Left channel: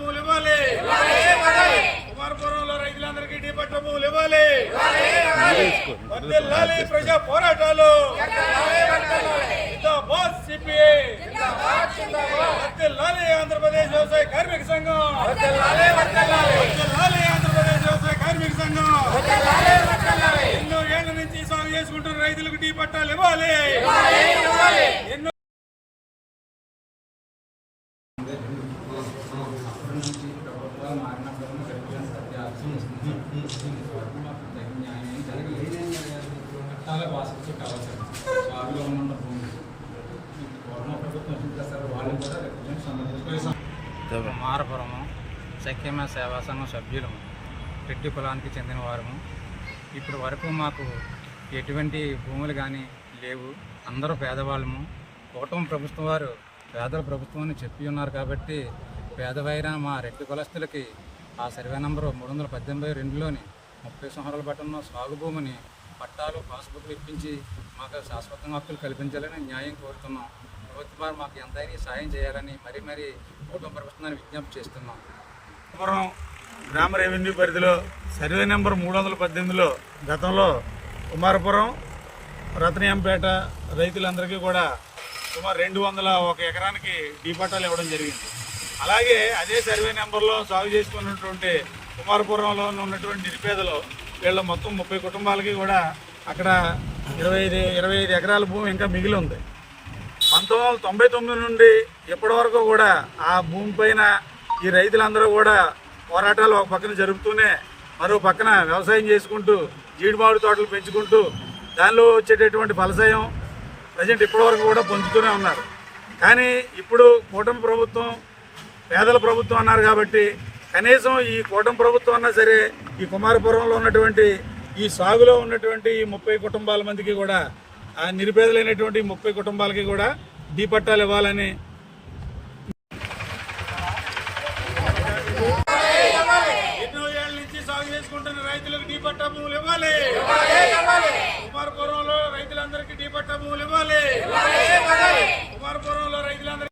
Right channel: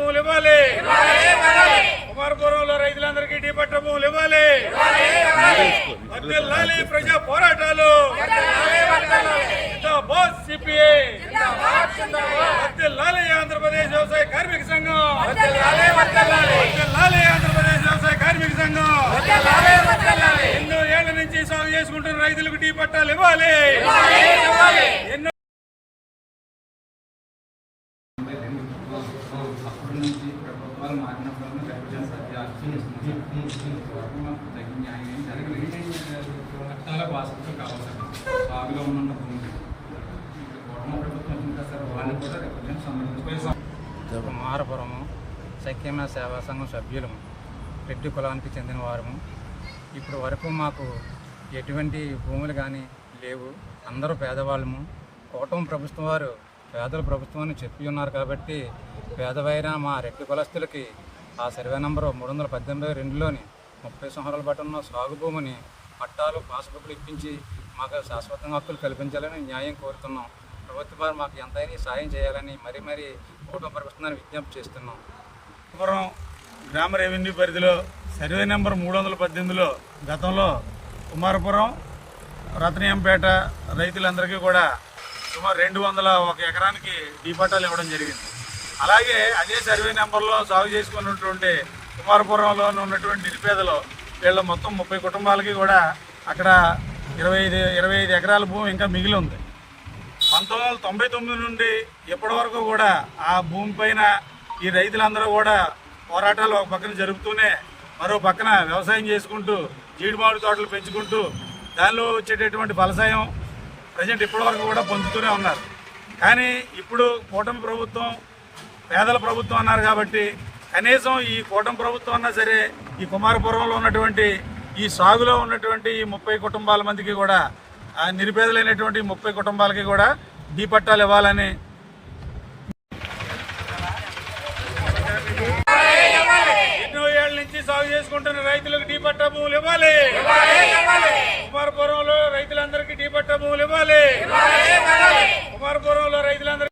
భూములు ఇవ్వాలి. కుమారపురంలో రైతులందరికీ టీ పట్ట భూములు ఇవ్వాలి. వర్దిల్లాలి ప్రజా పోరాటాలు. జిందాబాద్ సిపిఐ. వర్దిల్లాలి ఆంధ్రప్రదేశ్ వ్యవసాయ కార్మిక సంఘం. వర్దిల్లాలి ఆంధ్రప్రదేశ్ వ్యవసాయ కార్మిక సంఘం. ఎన్నో ఏళ్ళ నుంచి సాగు చేసుకుంటున్న రైతులకు టీ పట్టాలు ఇవ్వాలి. ప్రభుత్వాలు మారినప్పుడు తగిన న్యాయం జరగలేదు. కావాలి బావిలో ఉన్న భూమి. ప్రభుత్వం వచ్చిన తర్వాత వాళ్ళు కూడా సంబంధించి మారపురము సఖ్యమ సేవా సంఘం సభ్యులము రెడ్డి కులానికి చెందిన వారము. ఇప్పుడు వరకు మాకు ఎటువంటి భూములు కానీ లేవు. అందరూ పేదవాళ్ళము. కూటమి ప్రభుత్వం వారు పేదల ప్రభుత్వం అని చెప్పి ఉన్నారు కాబట్టి పేదవైన మా రెడ్డి కులస్తులకి ఆ సర్వే నంబరు మూడు వందల పద్దెనిమిది రెండులోని ముప్పై సంవత్సరాల బట్టి ఉన్న సాగు భూమిని పట్టాలు పాస్బుక్లు ఇప్పించి మాకు శాశ్వతంగా హక్కులు కల్పించాలని న్యాయం కోరుతున్నాం. ప్రభుత్వం వారు మాకు ఎంతైనా సాయం చేయాలని మరీ మరీ కూటమి ప్రభుత్వాన్ని విజ్ఞప్తి చేస్తున్నాం. పురం గ్రామ రెవెన్యూ పరిధిలో సర్వే నెంబర్ మూడు వందల పద్దెనిమిదిలో గతంలో కుమారపురం రత్నయంపేట రైతులందరికీ కూడా సుమారు రెండు వందల ఒక ఎకరానికి డీపట్టాలు ఇవ్వడం జరిగింది. అలాగే అదే సర్వే నెంబర్లో సాగు చేసుకున్నటువంటి కుమారపురంలో ఉన్నటువంటి నిరుపేదలు వీళ్ళ మొత్తం ముప్పై కుటుంబాలకి కూడా అక్కడ ఇరవై ఐదు ఇరవై ఐదు ఎకరాల భూమి ఇంకా మిగిలి ఉంది. పంతొమ్మిది వందల తొంభై తొమ్మిది నుండి ఇప్పటి వరకు కూడా ఆ భూమి పైన ఈ రైతులందరూ కూడా పోరాటాలు ఒక పక్కన జరుపుతూనే మరో పక్కన వ్యవసాయం చేసుకుంటూ జీడిమామిడి తోటలు పెంచుకుంటూ దానిలో వచ్చేటటువంటి ఫలసాయం ప్రజెంట్ ఇప్పటి వరకు కూడా పొందుతూనే ఉన్నారు. కానీ ఇప్పుడు కూటమి ప్రభుత్వం పేదల ప్రభుత్వం అన్నారు కాబట్టి కనీసం ఈ కూటమి ప్రభుత్వం అన్నా సరే ఈ కుమారపురంలో ఉన్నటువంటి ఈ సాగులో ఉన్నటువంటి ఈ ముప్పై కుటుంబాల మందికి కూడా ఆ నిరుపేదలైనటువంటి ముప్పై కుటుంబాలకి కూడా డీ పట్టాలు ఇవ్వాలని ఎన్నో ఏళ్ళ నుంచి సాగు చేసుకుంటున్న రైతులకు డీ పట్టా భూములు ఇవ్వాలి. కుమారపురంలో రైతులందరికీ డీ పట్టా భూములు ఇవ్వాలి. కుమారపురంలో రైతులందరికీ